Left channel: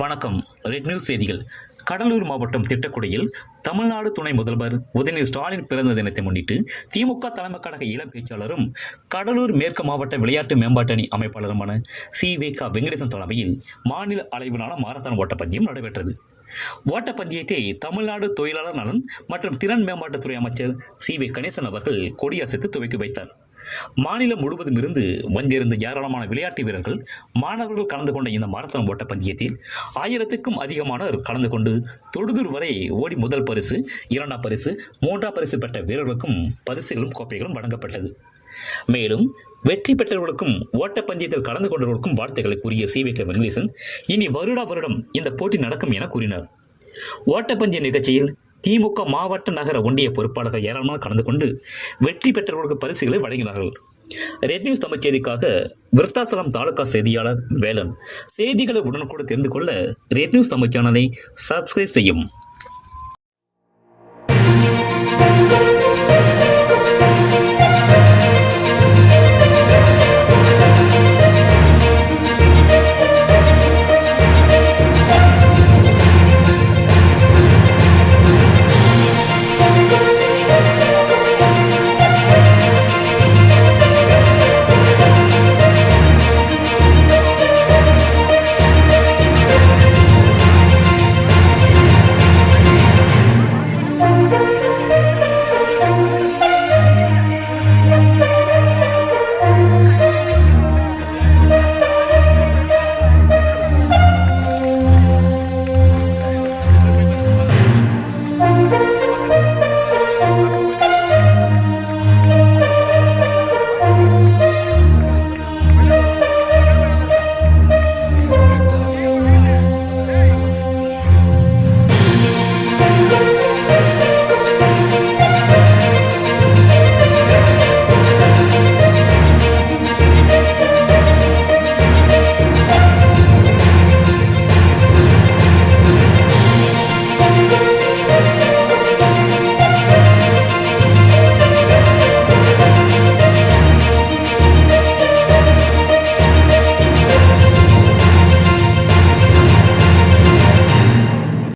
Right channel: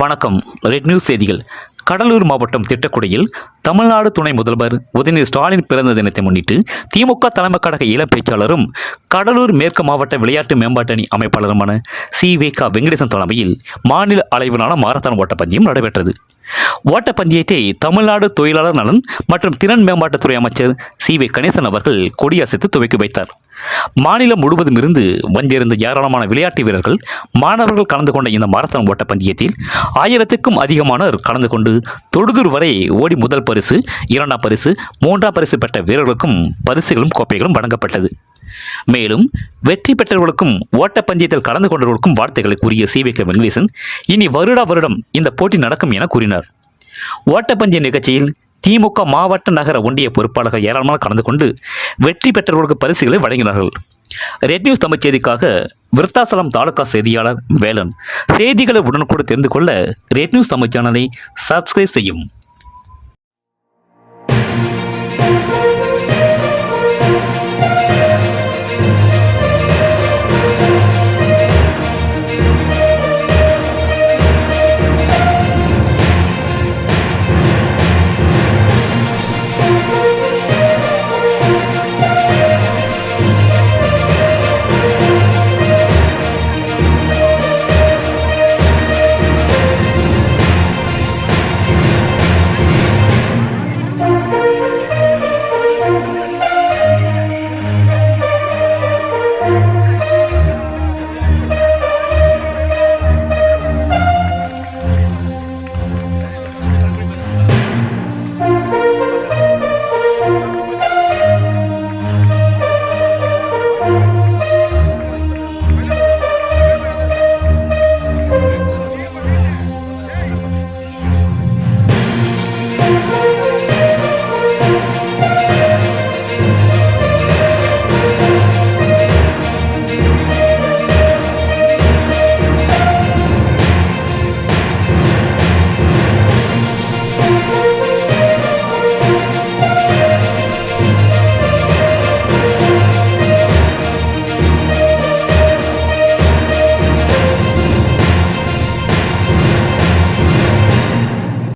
வணக்கம். Red news செய்திகள். கடலூர் மாவட்டம் திட்டக்குடியில் தமிழ்நாடு துணை முதல்வர் உதயநிதி ஸ்டாலின் பிறந்த தினத்தை முன்னிட்டு திமுக தலைமை கழக இளம் பேச்சாளரும் கடலூர் மேற்கு மாவட்ட விளையாட்டு மேம்பாட்டு அணி அமைப்பாளருமான சி.வே.க. வெங்கடேசன் தலைமையில் மாநில அளவிலான மாரத்தான் ஓட்டப்பந்தயம் நடைபெற்றது. ஓட்டப்பந்தயத்தை தமிழ்நாடு தொழிலாளர் நலன் மற்றும் திறன் மேம்பாட்டுத்துறை அமைச்சர் சி.வே. கணேசன் அவர்கள் கொடியசைத்து துவக்கி வைத்தார். மாநிலம் முழுவதும் இருந்து வந்திருந்த ஏராளமான விளையாட்டு வீரர்கள், மாணவர்கள் கலந்து கொண்ட இந்த மாரத்தான் ஓட்டப்பந்தயத்தில் 1000க்கும் அதிகமானோர் கலந்து கொண்டு தொடுதூர் வரை ஓடி முதல் பரிசு, இரண்டாம் பரிசு, மூன்றாம் பரிசு பெற்ற வீரர்களுக்கும் பரிசுகளும் கோப்பைகளும் வழங்கப்பட்டது. மேலும் வெற்றி பெற்றவர்களுக்கும் ஓட்டப்பந்தயத்தில் கலந்து கொண்டவர்களுக்கும் வாழ்த்துக்களை கூறிய சி.வே.க. வெங்கடேசன், இனி வருடம் இந்த போட்டி நடக்கும் என கூறினார். ஓட்டப்பந்தய நிகழ்ச்சியில் திமுக மாவட்ட நகர ஒன்றிய பொறுப்பாளர்கள் ஏராளமாக கலந்து கொண்டு வெற்றி பெற்றவர்களுக்கு பரிசுகளை வழங்கினார்கள். ரெட் நியூஸ் தமிழ் செய்திக்காக விருத்தாசலம் தாலுகா செய்தியாளர் வேலன். செய்திகளை உடனுக்குடன் தெரிந்து கொள்ள ரெட் நியூஸ் தமிழ் சேனலை சப்ஸ்கிரைப் செய்யும்.